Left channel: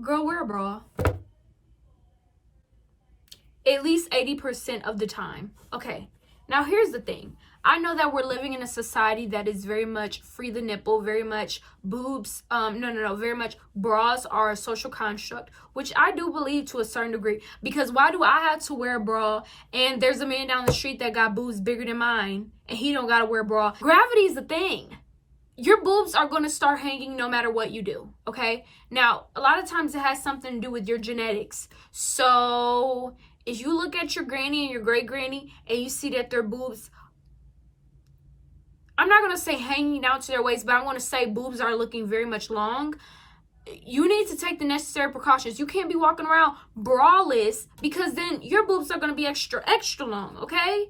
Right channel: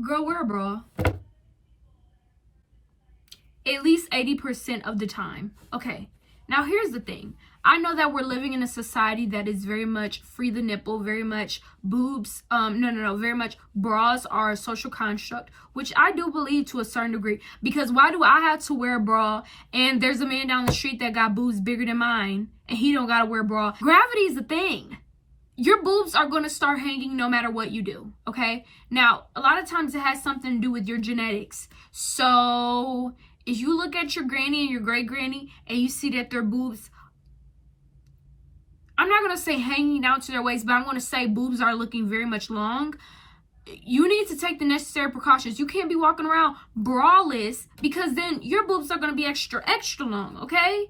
Girl, wear a bra. At least 80% of the time. Okay, now here's the thing. I know that we're living in a society that is very much free the nipple, very much boobs, very much bras are a social construct, which I do believe to a certain degree. Because why do I have to wear a bra and there's a man down the street that got boobs bigger than mine and he don't gotta wear a bra? Gravity is a thing. Your boobs are going to start hanging no matter what you do, okay? Now, a lot of times it has something to do with your genetics. So if you look at your granny and your great granny and you see that their boobs, I'm not going to say hanging down to their waist, but I'm going to say boobs are looking very much long. You need to take the necessary precautions. You can't be walking around braless because then your boobs are going to be extra long, okay?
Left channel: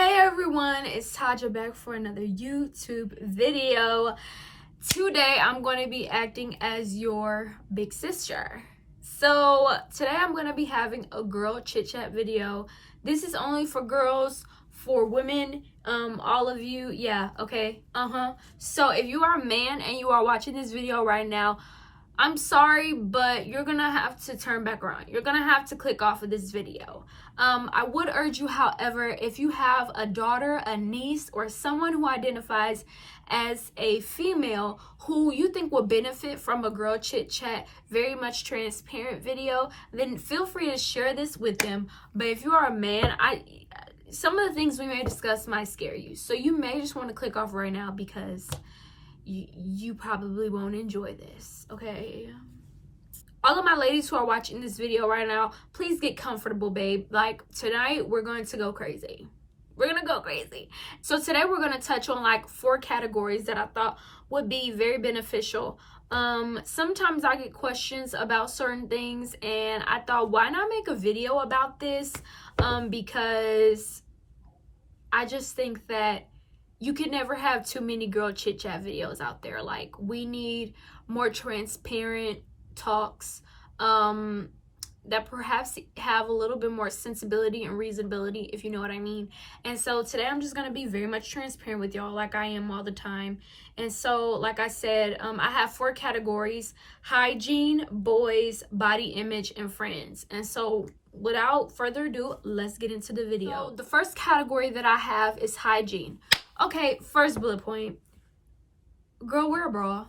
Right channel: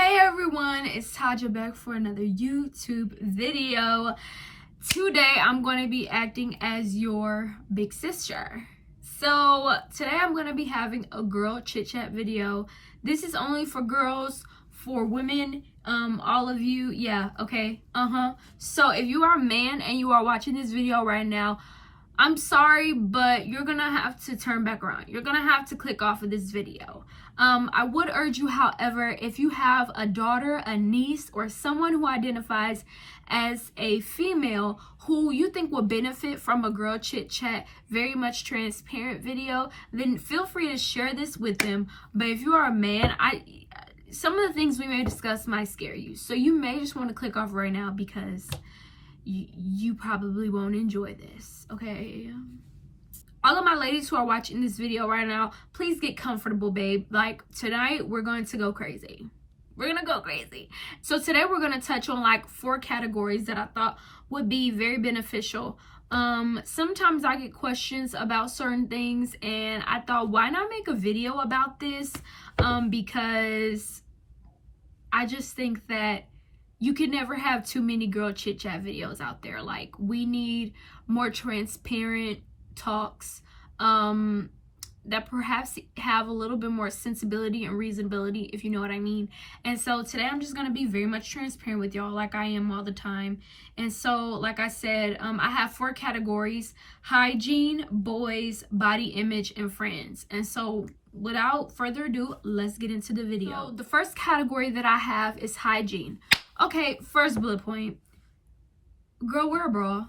Hey everyone, it's Taja back for another YouTube video. Today I'm going to be acting as your big sister. So today I'm going to be having a girl chit chat video. This is only for girls, for women, all of you, yeah, okay, So if you are a man and you are watching this video right now, I'm sorry, but you're gonna have to turn back around. You're gonna have to click off of this video. I would urge you, however, if you have a daughter, a niece, or someone who identifies as a female who you think will benefit from a girl chit chat, very much transparent video, then feel free to share this with them. But if you are a man, some of the things we may discuss might scare you. So you may just want to click off right now because you probably won't enjoy this, okay? All of my ladies who are watching this video right now, please get comfortable, babe. Like, tonight we're going to go crazy. We're gonna go crazy. So today we're gonna touch on like 4 categories that I thought would be very beneficial. Sometimes I get questions about certain things and I thought, why not make a video about this? Because I just think that you can never have too many girl chit chat videos out there. Like, we need more transparent talks that perhaps have a little bit more sensibility and reasonability, if you know what I mean. And so today I'm just going to be very much transparent with y'all, like I am all the time. And so, like I said, I have 4 categories: hygiene, boys, body image, and friends. And so without further ado, let's get into the video. So the first category that I have is hygiene. Okay, first bullet point. Girl, wear a bra.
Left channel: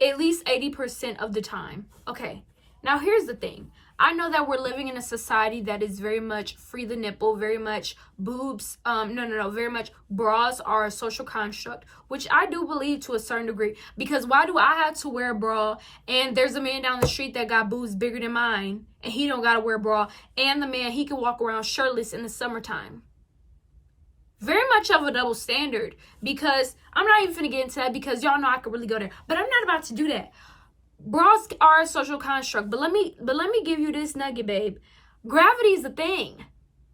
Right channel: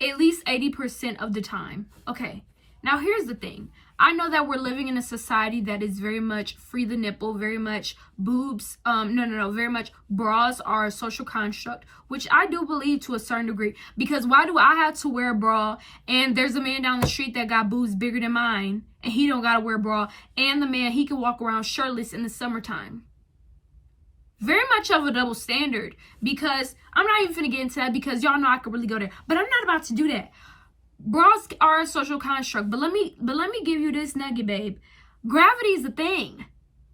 At least 80% of the time. Okay, now here's the thing. I know that we're living in a society that is very much free the nipple, very much boobs, very much bras are a social construct, which I do believe to a certain degree. Because why do I have to wear a bra and there's a man down the street that got boobs bigger than mine and he don't gotta wear a bra, and the man, he can walk around shirtless in the summertime? Very much of a double standard, because I'm not even finna get into that because y'all know I could really go there, but I'm not about to do that. Bras are a social construct, but let me give you this nugget, babe. Gravity is a thing.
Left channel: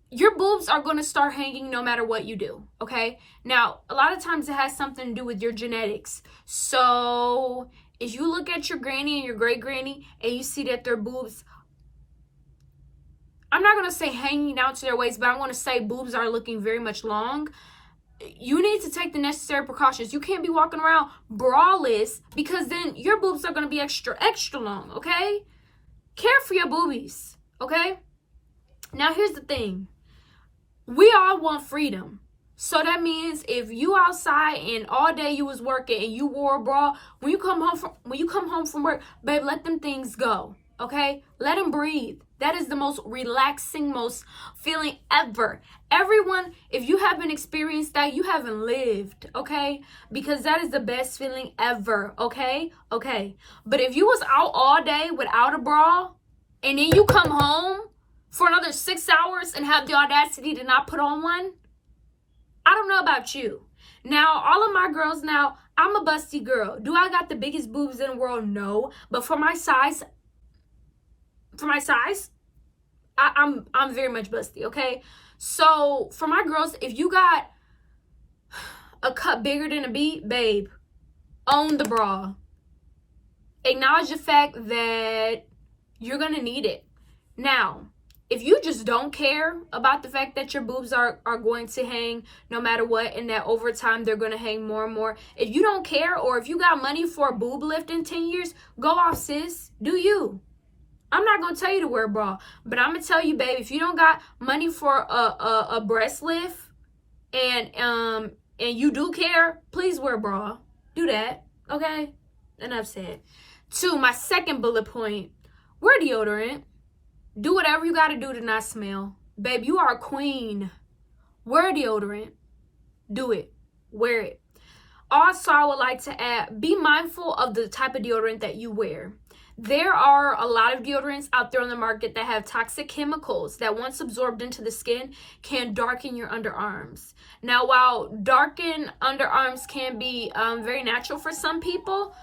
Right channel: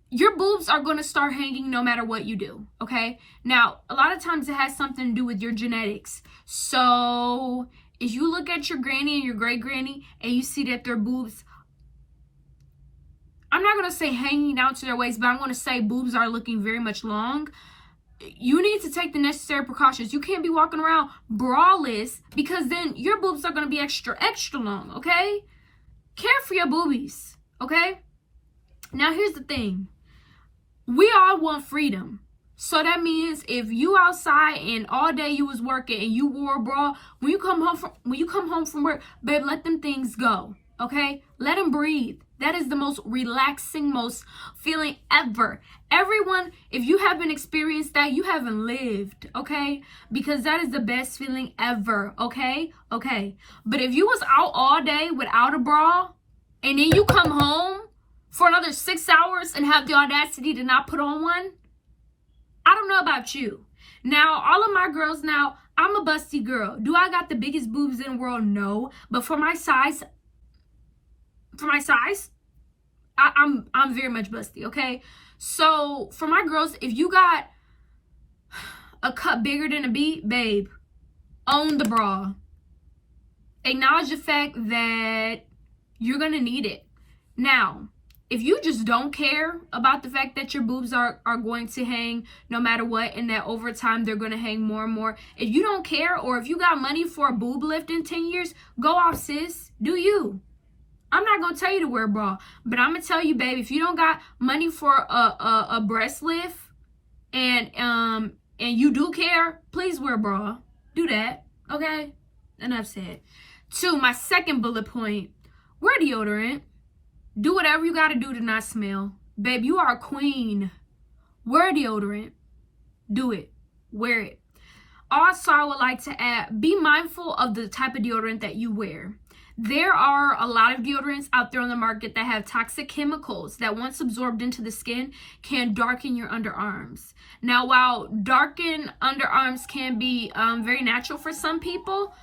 Your boobs are going to start hanging no matter what you do, okay? Now, a lot of times it has something to do with your genetics. So if you look at your granny and your great granny and you see that their boobs, I'm not going to say hanging down to their waist, but I'm going to say boobs are looking very much long. You need to take the necessary precautions. You can't be walking around braless because then your boobs are going to be extra long, okay? Care for your boobies, okay? Now, here's the thing. We all want freedom. So that means if you outside and all day you was working and you wore a bra, when you come home from work, babe, let them things go, okay? Let them breathe. That is the most relaxing, most feeling ever. Everyone, if you haven't experienced that, you haven't lived, okay? Because that is the best feeling ever, okay? Okay. But if you was out all day without a bra and then you come home for another 6 hours and have the audacity to not put on one, I don't know about you. Now, all of my girls now, I'm a busty girl. Do I got the biggest boobs in the world? No. But for my size, I'm very much busty, okay? So for my girls, if you got a cup bigger than a beet, babe, own the bra. Acknowledge the fact that you're gonna need it. Now, if you just don't care about the fact that your boobs are going to hang no matter what, and that over time they're going to hang more and more, if you don't care, or if you got money for a boob lift in 10 years, go off, sis. Do you. I'm not going to tell you to wear a bra, but I'm going to tell you, babe, if you don't got money for a breast lift and you do care, please wear a bra. Do that, okay? Enough said. 2, my second bullet point, wear deodorant. Do whatever you got to do to not smell. Babe, you are a queen. Wear deodorant. Do it. Wear it. Also, I would like to add, be mindful of the type of deodorant that you wear. There are a lot of deodorants out there on the market that have toxic chemicals that, once absorbed into the skin, can darken your underarms. Now, while darkened underarms can be very natural for some people,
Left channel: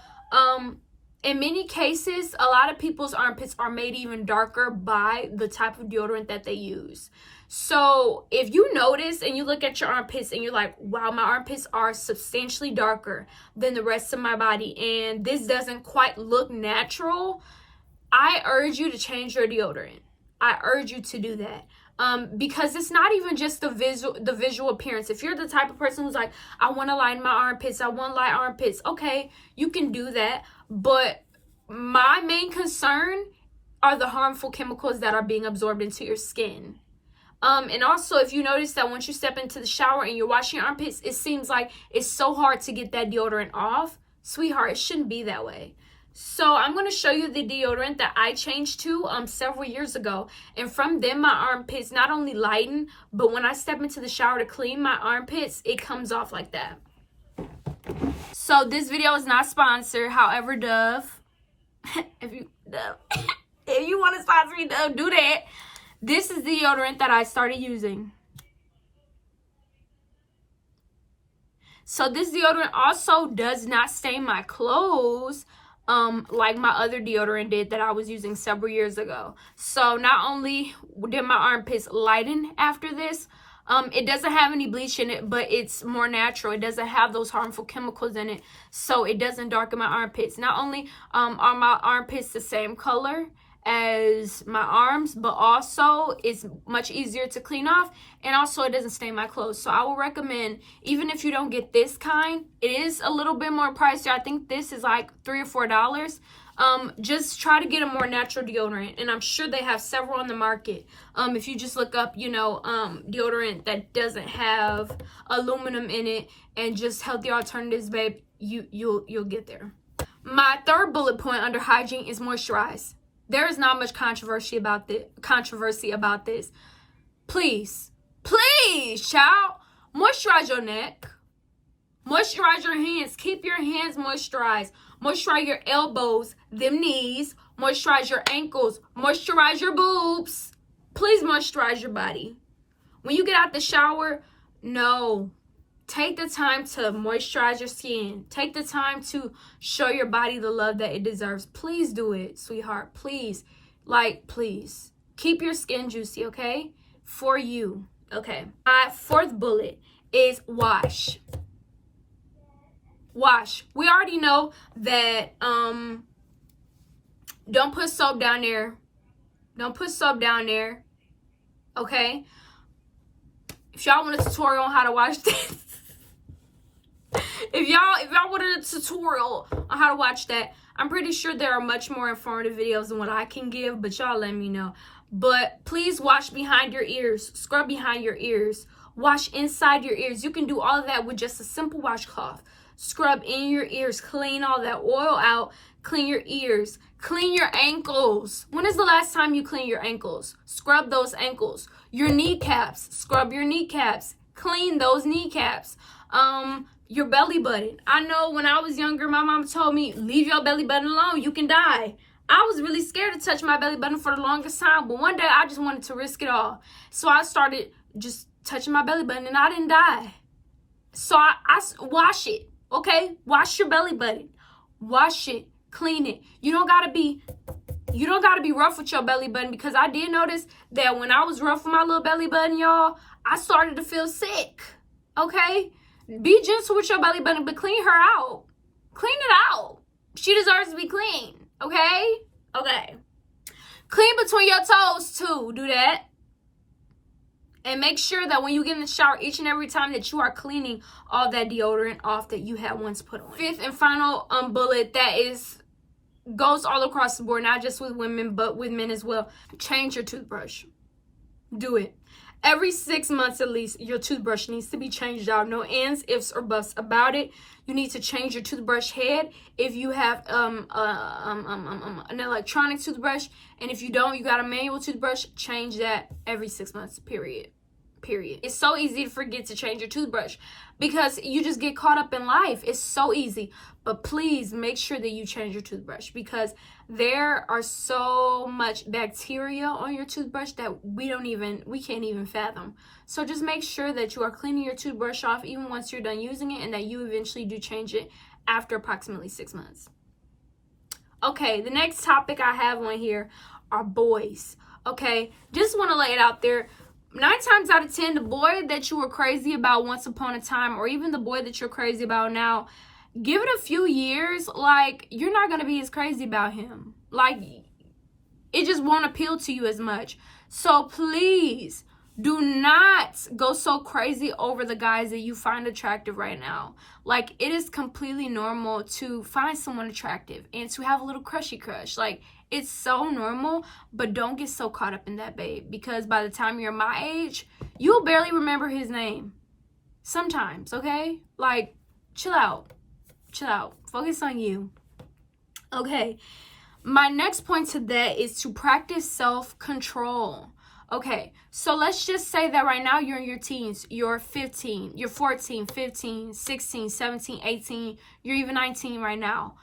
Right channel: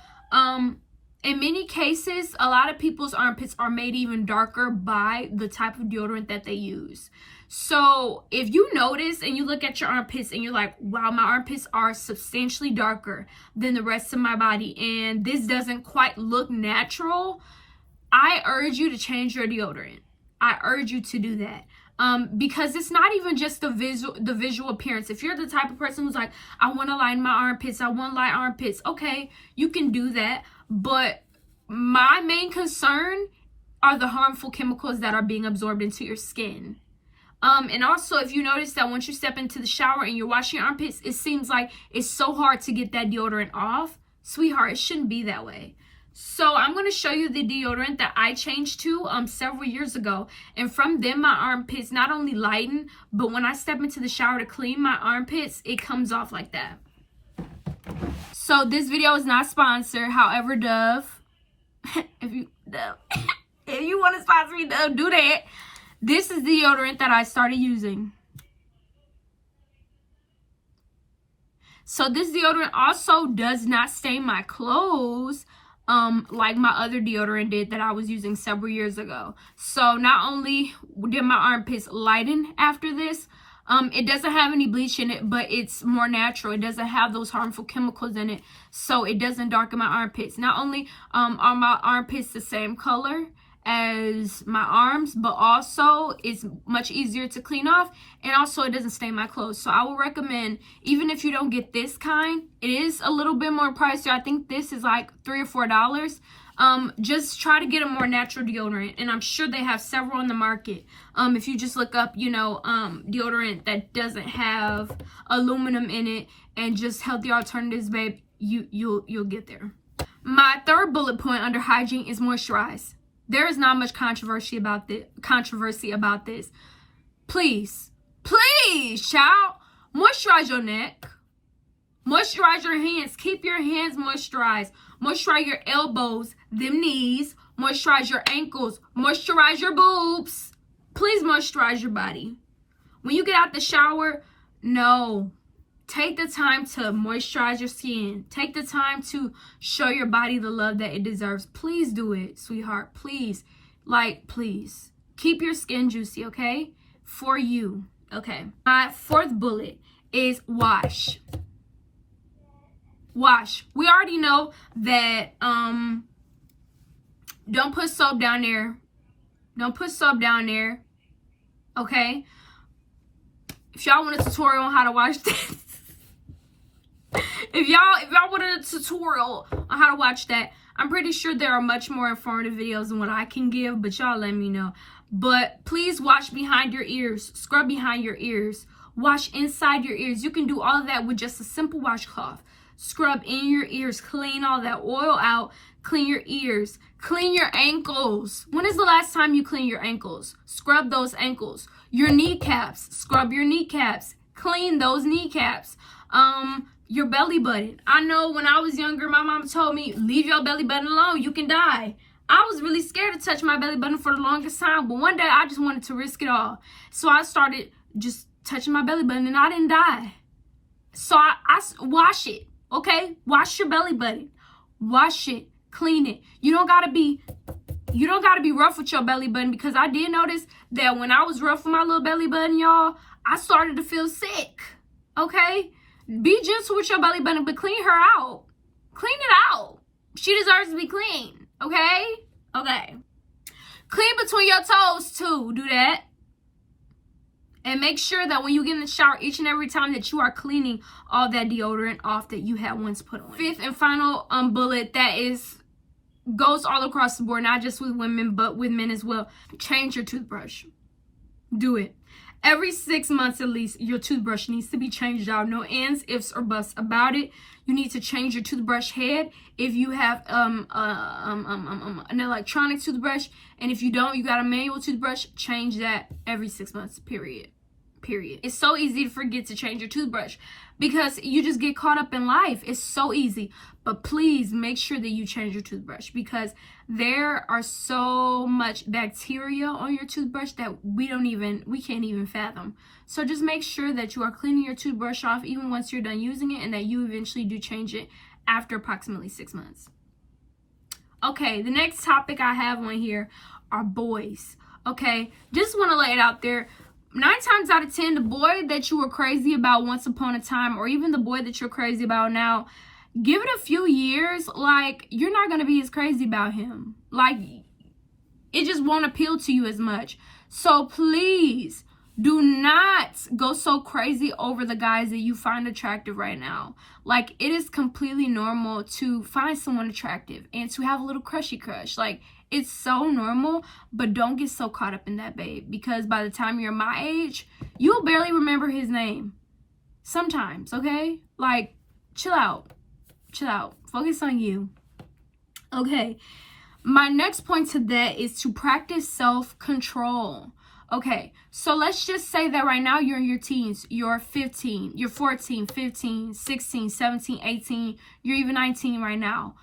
in many cases, a lot of people's armpits are made even darker by the type of deodorant that they use. So if you notice and you look at your armpits and you're like, wow, my armpits are substantially darker than the rest of my body and this doesn't quite look natural, I urge you to change your deodorant. I urge you to do that. Because it's not even just the visual appearance. If you're the type of person who's like, I want to line my armpits, I want light armpits, okay, you can do that. But my main concern are the harmful chemicals that are being absorbed into your skin. And also, if you notice that once you step into the shower and you're washing your armpits, it seems like it's so hard to get that deodorant off. Sweetheart, it shouldn't be that way. So I'm going to show you the deodorant that I changed to several years ago. And from then, my armpits not only lighten, but when I step into the shower to clean my armpits, it comes off like that. So this video is not sponsored. However, Dove, if you want to sponsor me, Dove, do that. This is the deodorant that I started using. So this deodorant also does not stain my clothes like my other deodorant did that I was using several years ago. So not only did my armpits lighten after this, it doesn't have any bleach in it, but it's more natural. It doesn't have those harmful chemicals in it, so it doesn't darken my armpits. Not only are my armpits the same color as my arms, but also it's much easier to clean off, and also it doesn't stain my clothes. So I will recommend, even if you don't get this kind, it is a little bit more pricey. I think this is like $3 or $4. Just try to get a more natural deodorant, and I'm sure they have several on the market. If you just look up, deodorant that doesn't have aluminum in it and just healthy alternatives, babe, you'll get there. My third bullet point under hygiene is moisturize. There is not much controversy about this. Please, child, moisturize your neck. Moisturize your hands. Keep your hands moisturized. Moisturize your elbows, them knees. Moisturize your ankles. Moisturize your boobs. Please moisturize your body. When you get out the shower, take the time to moisturize your skin. Take the time to show your body the love that it deserves. Please do it, sweetheart. Please. Please. Keep your skin juicy, okay? For you. Okay. My fourth bullet is wash. Wash. We already know that don't put soap down there. Don't put soap down there. Okay? If y'all want a tutorial on how to wash this, if y'all want a tutorial on how to watch that, I'm pretty sure there are much more informative videos than what I can give, but y'all let me know. But please wash behind your ears. Scrub behind your ears. Wash inside your ears. You can do all of that with just a simple washcloth. Scrub in your ears. Clean all that oil out. Clean your ears. Clean your ankles. When is the last time you clean your ankles? Scrub those ankles. Your kneecaps. Scrub your kneecaps. Clean those kneecaps. Your belly button. I know when I was younger, my mom told me, leave your belly button alone. You can die. I was really scared to touch my belly button for the longest time, but one day I just wanted to risk it all. So I started just touching my belly button and I didn't die. So I wash it, okay? Wash your belly button. Wash it. Clean it. You don't gotta be rough with your belly button, because I did notice that when I was rough with my little belly button, y'all, I started to feel sick. Okay? Be gentle with your belly button, but clean her out. Clean it out. She deserves to be clean. Okay? Okay. Clean between your toes too. Do that. And make sure that when you get in the shower each and every time that you are cleaning all that deodorant off that you had once put on. Fifth and final bullet that goes all across the board, not just with women but with men as well. Change your toothbrush. Do it. Every 6 months at least, your toothbrush needs to be changed out. No ands, ifs, or buts about it. You need to change your toothbrush head if you have an electronic toothbrush. And if you don't, you got a manual toothbrush, change that every 6 months, period. It's so easy to forget to change your toothbrush because you just get caught up in life. It's so easy. But please make sure that you change your toothbrush because there are so much bacteria on your toothbrush that we can't even fathom. So just make sure that you are cleaning your toothbrush off even once you're done using it and that you eventually do change it after approximately 6 months. Okay, the next topic I have on here are boys. Okay, just want to lay it out there. 9 times out of 10, the boy that you were crazy about once upon a time, or even the boy that you're crazy about now, give it a few years, like, you're not going to be as crazy about him. Like, it just won't appeal to you as much. So please do not go so crazy over the guys that you find attractive right now. Like, it is completely normal to find someone attractive and to have a little crushy crush. Like, it's so normal, but don't get so caught up in that, babe. Because by the time you're my age, you'll barely remember his name. Sometimes, okay? Like, chill out. Chill out. Focus on you. Okay. My next point to that is to practice self-control. Okay, so let's just say that right now you're in your teens. You're 15, you're 14, 15, 16, 17, 18, you're even 19 right now.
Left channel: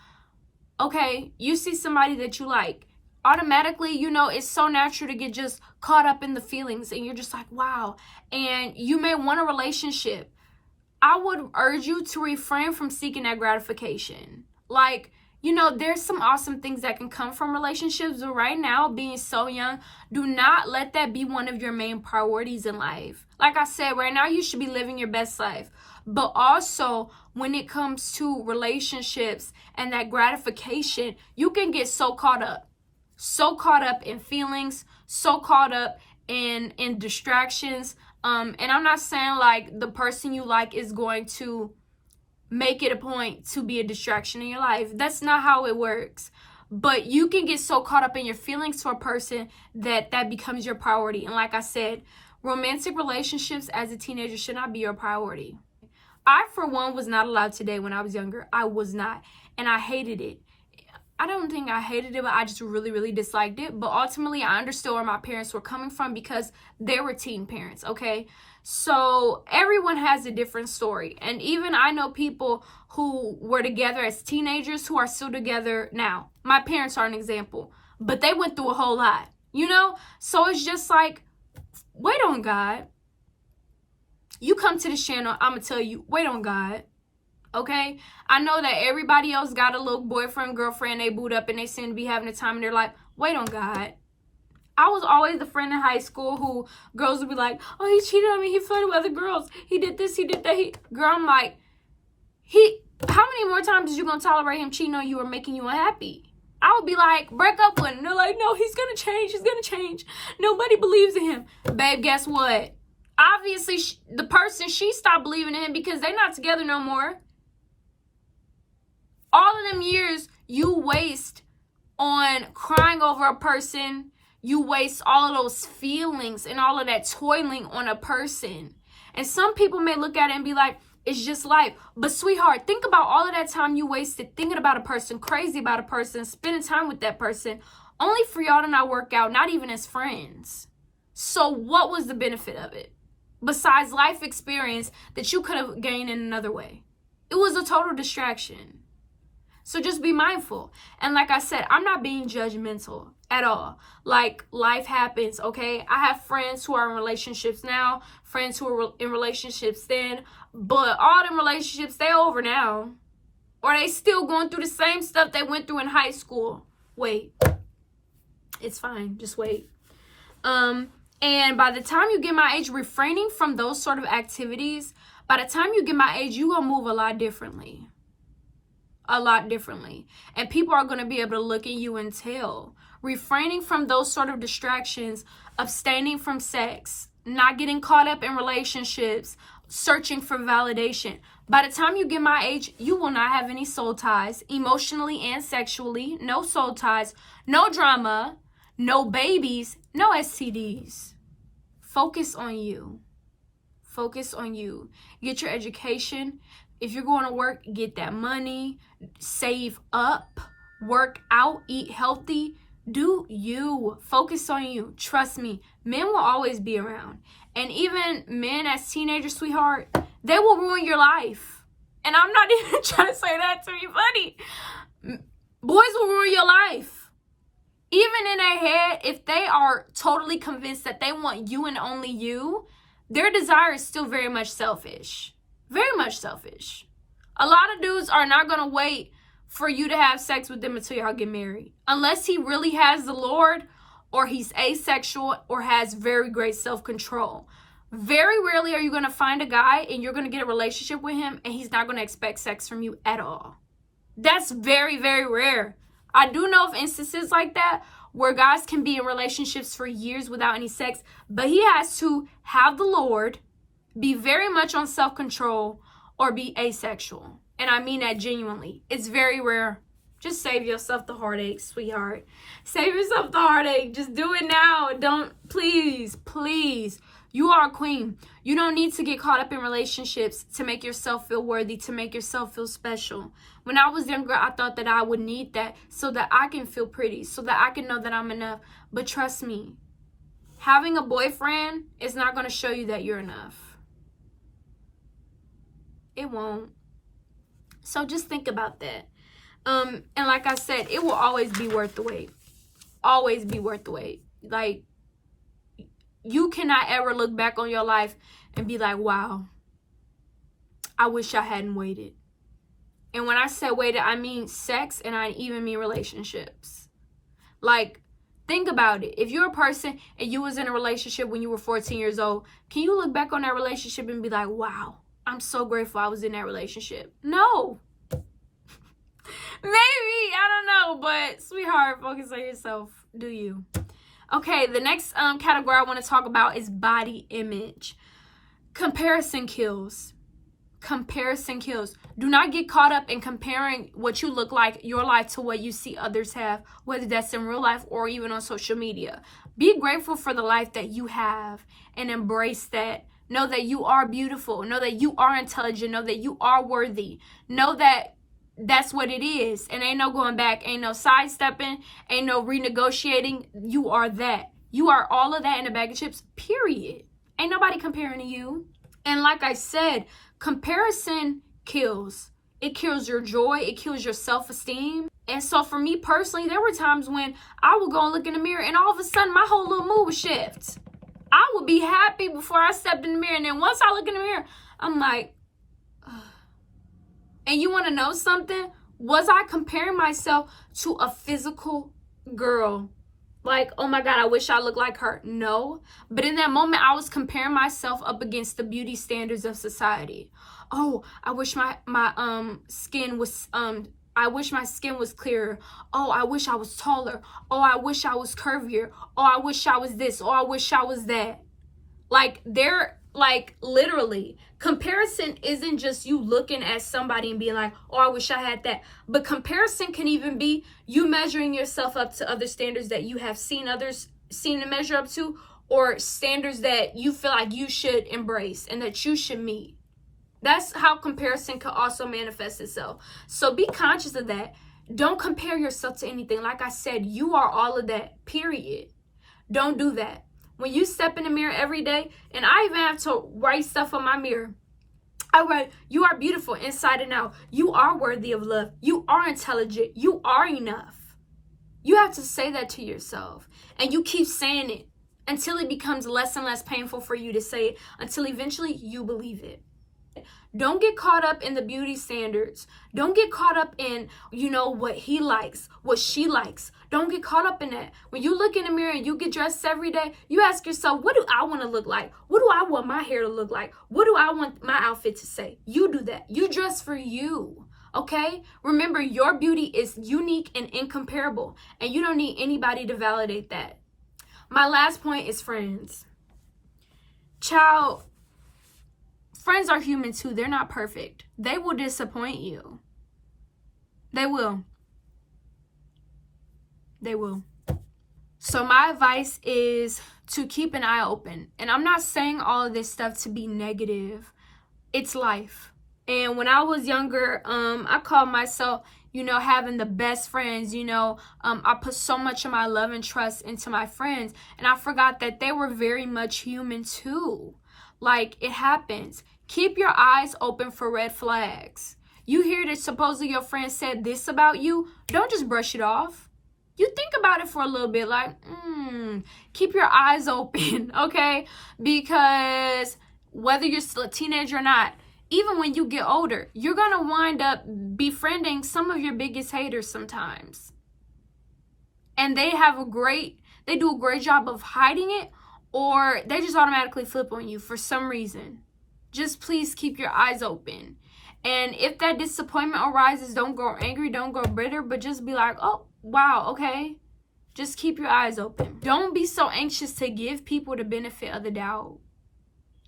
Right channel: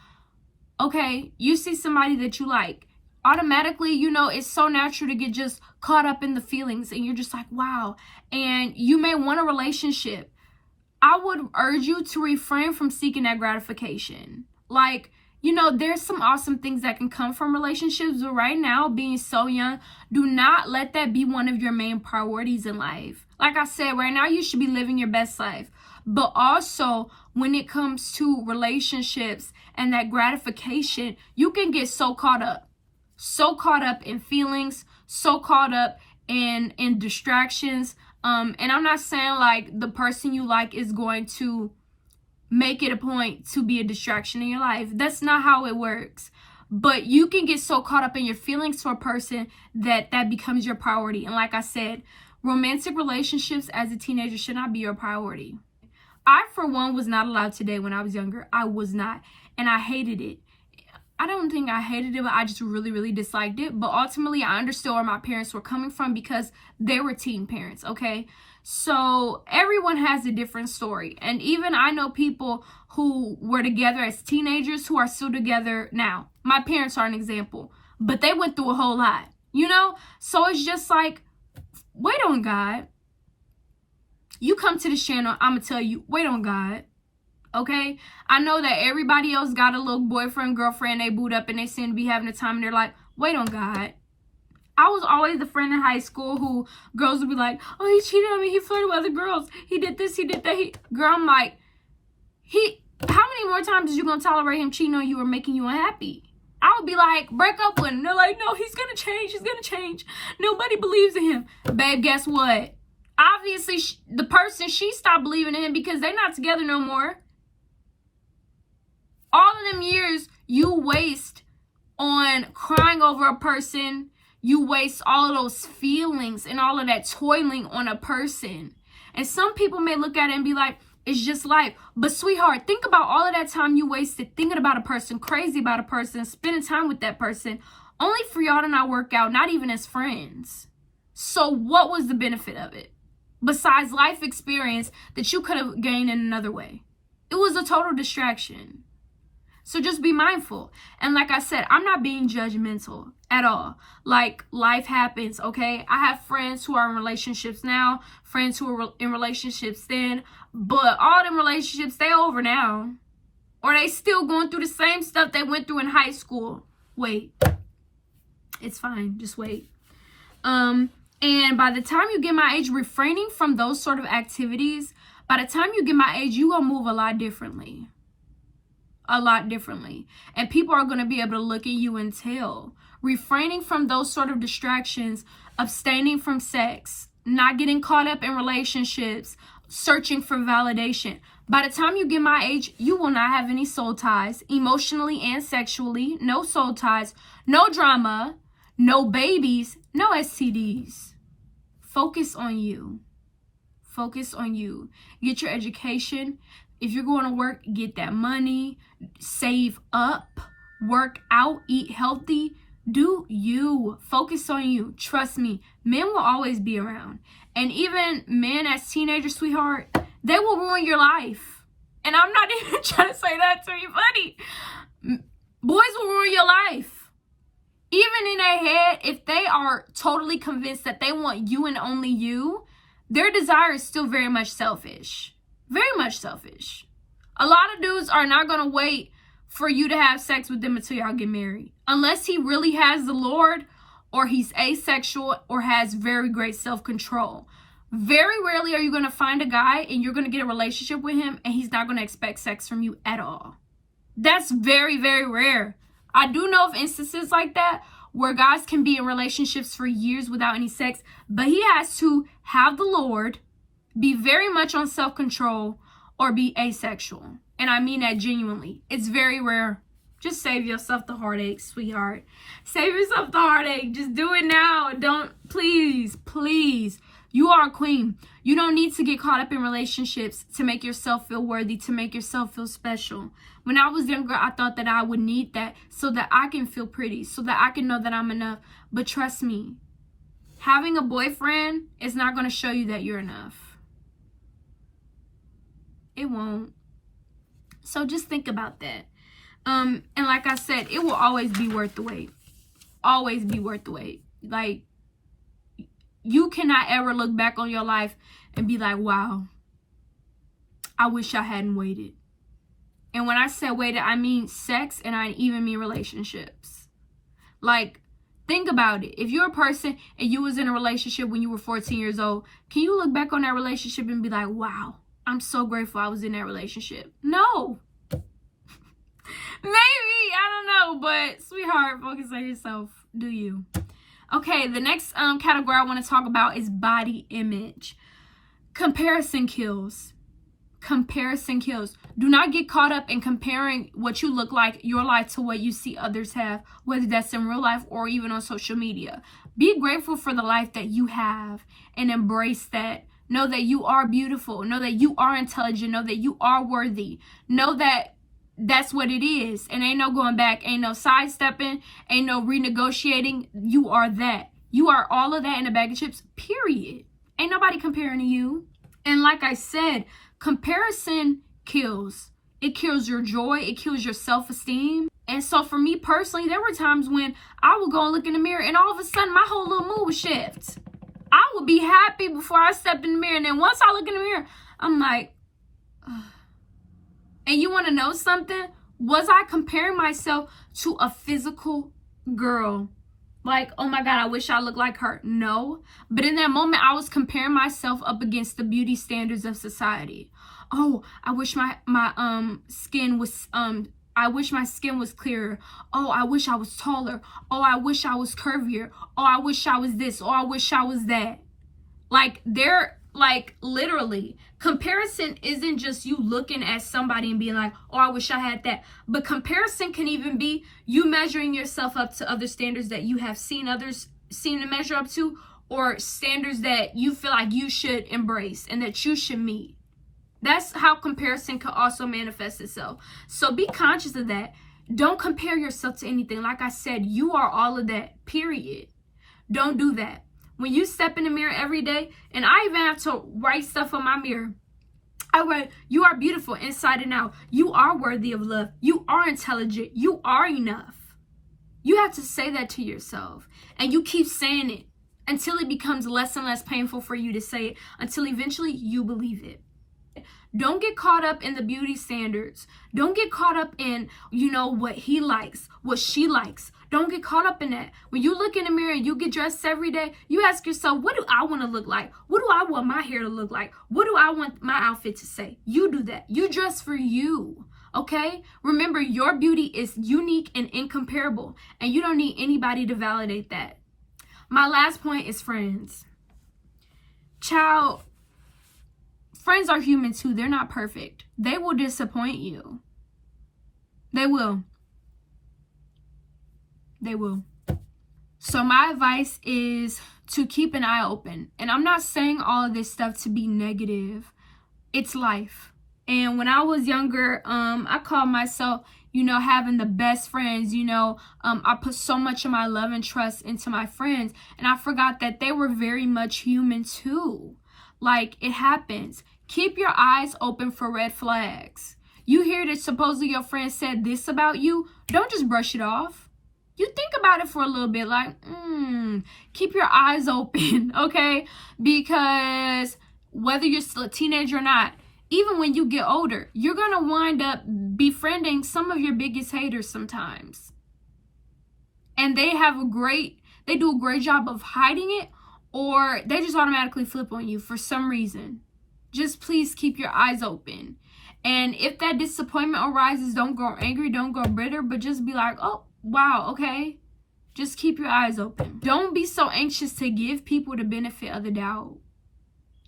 Okay, you see somebody that you like. Automatically, you know, it's so natural to get just caught up in the feelings and you're just like, wow. And you may want a relationship. I would urge you to refrain from seeking that gratification. Like, you know, there's some awesome things that can come from relationships, but right now, being so young, do not let that be one of your main priorities in life. Like I said, right now, you should be living your best life. But also, when it comes to relationships and that gratification, you can get so caught up in feelings, so caught up in distractions. And I'm not saying like the person you like is going to make it a point to be a distraction in your life. That's not how it works. But you can get so caught up in your feelings for a person that becomes your priority. And like I said, romantic relationships as a teenager should not be your priority. I, for one, was not allowed to date when I was younger. I was not. And I hated it. I don't think I hated it, but I just really, really disliked it. But ultimately, I understood where my parents were coming from because they were teen parents, okay? So everyone has a different story. And even I know people who were together as teenagers who are still together now. My parents are an example. But they went through a whole lot, you know? So it's just like, wait on God. You come to this channel, I'm going to tell you, wait on God. Okay? I know that everybody else got a little boyfriend, girlfriend, they boot up and they seem to be having a time and they're like, wait on God. I was always the friend in high school who girls would be like, oh, he cheated on me, he flirted with other girls, he did this, he did that. Girl, I'm like, how many more times is you gonna tolerate him cheating on you or making you unhappy? I would be like, break up with him. They're like, no, he's gonna change. Nobody believes in him. Babe, guess what? Obviously, the person, she stopped believing in him because they're not together no more. All of them years you waste on crying over a person, you waste all of those feelings and all of that toiling on a person. And some people may look at it and be like, it's just life. But sweetheart, think about all of that time you wasted thinking about a person, crazy about a person, spending time with that person, only for y'all to not work out, not even as friends. So what was the benefit of it? Besides life experience that you could have gained in another way. It was a total distraction. So just be mindful. And like I said, I'm not being judgmental at all. Like, life happens, okay? I have friends who are in relationships now, friends who were in relationships then, but all them relationships, they over now. Or they still going through the same stuff they went through in high school. Wait. It's fine. Just wait. And by the time you get my age, refraining from those sort of activities, by the time you get my age, you're going to move a lot differently. And people are going to be able to look at you and tell. refraining from those sort of distractions, abstaining from sex, not getting caught up in relationships, searching for validation. By the time you get my age, you will not have any soul ties, emotionally and sexually. No soul ties, no drama, no babies, no STDs. Focus on you. Focus on you. Get your education. If you're going to work, get that money. Save up. Work out. Eat healthy. Do you. Focus on you. Trust me. Men will always be around. And even men as teenagers, sweetheart, they will ruin your life. And I'm not even trying to say that to be funny. Boys will ruin your life. Even in their head, if they are totally convinced that they want you and only you, their desire is still very much selfish. Very much selfish. A lot of dudes are not going to wait for you to have sex with them until y'all get married. Unless he really has the Lord, or he's asexual, or has very great self-control. Very rarely are you going to find a guy and you're going to get a relationship with him and he's not going to expect sex from you at all. That's very, very rare. I do know of instances like that where guys can be in relationships for years without any sex, but he has to have the Lord, be very much on self-control, or be asexual. And I mean that genuinely. It's very rare. Just save yourself the heartache, sweetheart. Save yourself the heartache. Just do it now. Don't, please, please. You are a queen. You don't need to get caught up in relationships to make yourself feel worthy, to make yourself feel special. When I was younger, I thought that I would need that so that I can feel pretty, so that I can know that I'm enough. But trust me, having a boyfriend is not going to show you that you're enough. It won't. So just think about that. And like I said, it will always be worth the wait. Always be worth the wait. Like, you cannot ever look back on your life and be like, wow, I wish I hadn't waited. And when I say waited, I mean sex, and I even mean relationships. Like, think about it. If you're a person and you was in a relationship when you were 14 years old, can you look back on that relationship and be like, wow, I'm so grateful I was in that relationship? No. Maybe, I don't know, but sweetheart, focus on yourself. Do you? Okay, the next category I want to talk about is body image. Comparison kills. Comparison kills. Do not get caught up in comparing what you look like, your life, to what you see others have, whether that's in real life or even on social media. Be grateful for the life that you have and embrace that. Know that you are beautiful. Know that you are intelligent. Know that you are worthy. Know that that's what it is. And ain't no going back. Ain't no sidestepping. Ain't no renegotiating. You are that. You are all of that in a bag of chips, period. Ain't nobody comparing to you. And like I said, comparison kills. It kills your joy. It kills your self-esteem. And so for me personally, there were times when I would go and look in the mirror and all of a sudden my whole little mood would shift. I would be happy before I stepped in the mirror. And then once I look in the mirror, I'm like, ugh. And you want to know something? Was I comparing myself to a physical girl? Like, oh my God, I wish I looked like her. No. But in that moment, I was comparing myself up against the beauty standards of society. Oh, I wish my skin was, I wish my skin was clearer. Oh, I wish I was taller. Oh, I wish I was curvier. Oh, I wish I was this. Oh, I wish I was that. Like, literally, comparison isn't just you looking at somebody and being like, oh, I wish I had that. But comparison can even be you measuring yourself up to other standards that you have seen others seem to measure up to, or standards that you feel like you should embrace and that you should meet. That's how comparison can also manifest itself. So be conscious of that. Don't compare yourself to anything. Like I said, you are all of that, period. Don't do that. When you step in the mirror every day, and I even have to write stuff on my mirror. I write, you are beautiful inside and out. You are worthy of love. You are intelligent. You are enough. You have to say that to yourself. And you keep saying it until it becomes less and less painful for you to say it, until eventually you believe it. Don't get caught up in the beauty standards. Don't get caught up in, what he likes, what she likes. Don't get caught up in that. When you look in the mirror and you get dressed every day, you ask yourself, what do I want to look like? What do I want my hair to look like? What do I want my outfit to say? You do that. You dress for you. Okay? Remember, your beauty is unique and incomparable, and you don't need anybody to validate that. My last point is friends. Child, friends are human too. They're not perfect. They will disappoint you. They will. They will. So my advice is to keep an eye open. And I'm not saying all of this stuff to be negative. It's life. And when I was younger, I called myself, having the best friends. I put so much of my love and trust into my friends. And I forgot that they were very much human too. Like, it happens. Keep your eyes open for red flags. You hear that supposedly your friend said this about you. Don't just brush it off. You think about it for a little bit, like, keep your eyes open, okay? Because whether you're still a teenager or not, even when you get older, you're going to wind up befriending some of your biggest haters sometimes. And they do a great job of hiding it, or they just automatically flip on you for some reason. Just please keep your eyes open. And if that disappointment arises, don't go angry, don't go bitter, but just be like, oh, wow, okay. Just keep your eyes open. Don't be so anxious to give people the benefit of the doubt.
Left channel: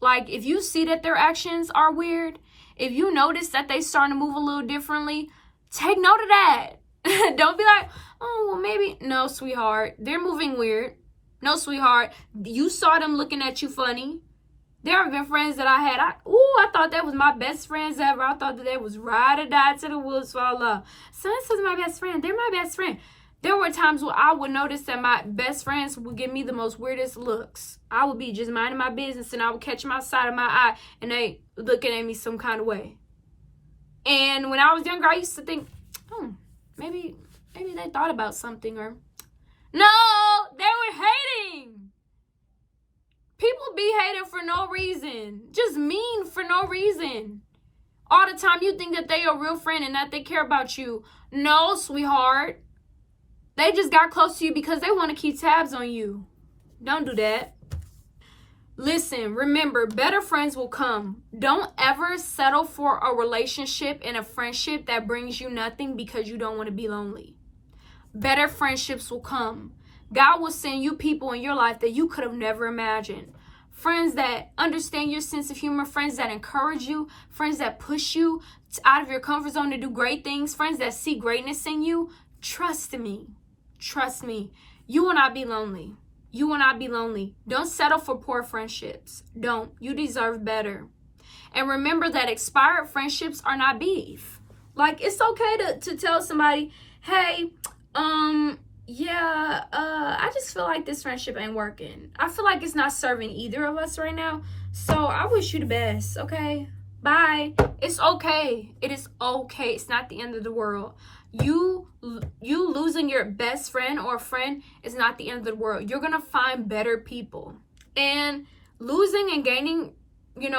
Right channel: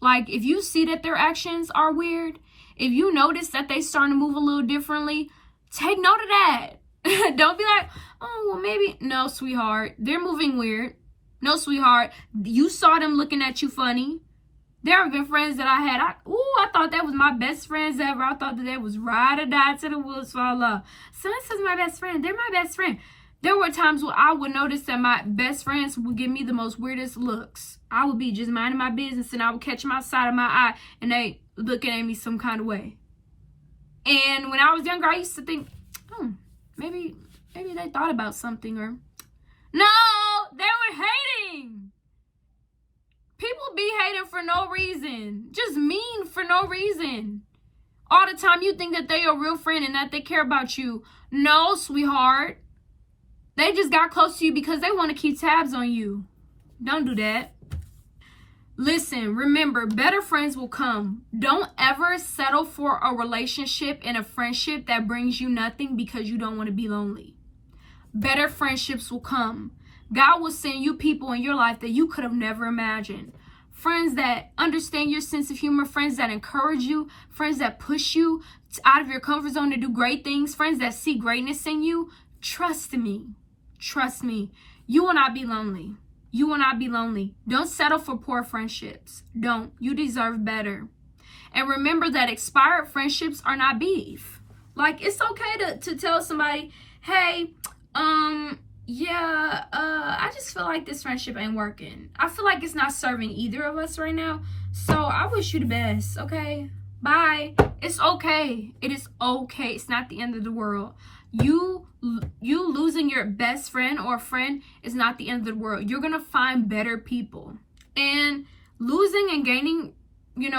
Like, if you see that their actions are weird, if you notice that they starting to move a little differently, take note of that. Don't be like, oh, well, maybe. No, sweetheart, they're moving weird. No, sweetheart, you saw them looking at you funny. There have been friends that I had. I thought that was my best friends ever. I thought that they was ride or die to the woods for love. So this is my best friend. They're my best friend. There were times where I would notice that my best friends would give me the most weirdest looks. I would be just minding my business and I would catch them outside of my eye and they looking at me some kind of way. And when I was younger, I used to think, maybe they thought about something, or no, they were hating. People be hating for no reason. Just mean for no reason. All the time you think that they are a real friend and that they care about you. No, sweetheart. They just got close to you because they want to keep tabs on you. Don't do that. Listen, remember, better friends will come. Don't ever settle for a relationship and a friendship that brings you nothing because you don't want to be lonely. Better friendships will come. God will send you people in your life that you could have never imagined. Friends that understand your sense of humor, friends that encourage you, friends that push you out of your comfort zone to do great things, friends that see greatness in you. Trust me. Trust me. You will not be lonely. You will not be lonely. Don't settle for poor friendships. Don't. You deserve better. And remember that expired friendships are not beef. Like, it's okay to tell somebody, hey, I just feel like this friendship ain't working. I feel like it's not serving either of us right now. So I wish you the best, okay? Bye. It's okay. It is okay. It's not the end of the world. You losing your best friend or friend is not the end of the world. You're going to find better people. And losing and gaining,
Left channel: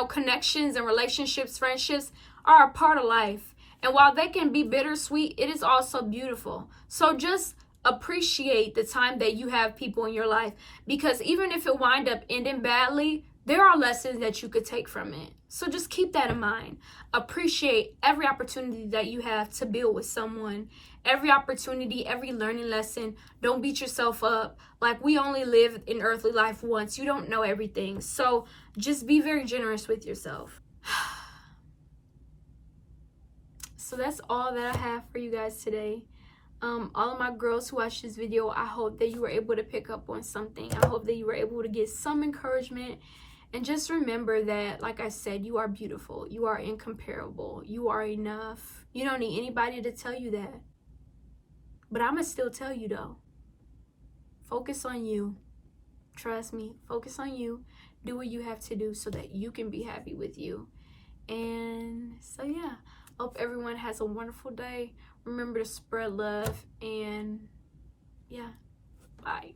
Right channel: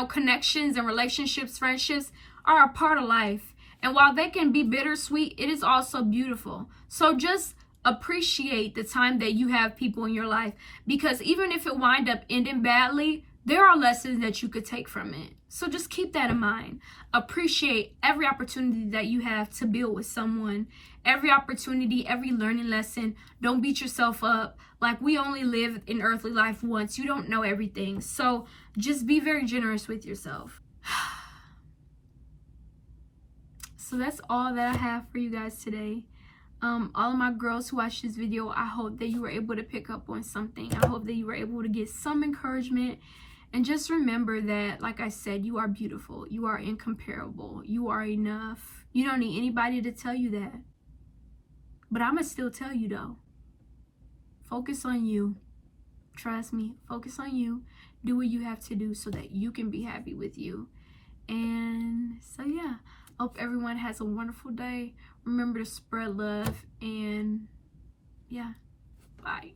connections and relationships, friendships are a part of life. And while they can be bittersweet, it is also beautiful. So just appreciate the time that you have people in your life, because even if it wind up ending badly, there are lessons that you could take from it. So just keep that in mind. Appreciate every opportunity that you have to build with someone. Every opportunity, every learning lesson. Don't beat yourself up. Like, we only live in earthly life once. You don't know everything. So just be very generous with yourself. So that's all that I have for you guys today. All of my girls who watched this video, I hope that you were able to pick up on something. I hope that you were able to get some encouragement. And just remember that, like I said, you are beautiful. You are incomparable. You are enough. You don't need anybody to tell you that. But I'm going to still tell you, though. Focus on you. Trust me. Focus on you. Do what you have to do so that you can be happy with you. And so, yeah. Hope everyone has a wonderful day. Remember to spread love. And, yeah. Bye.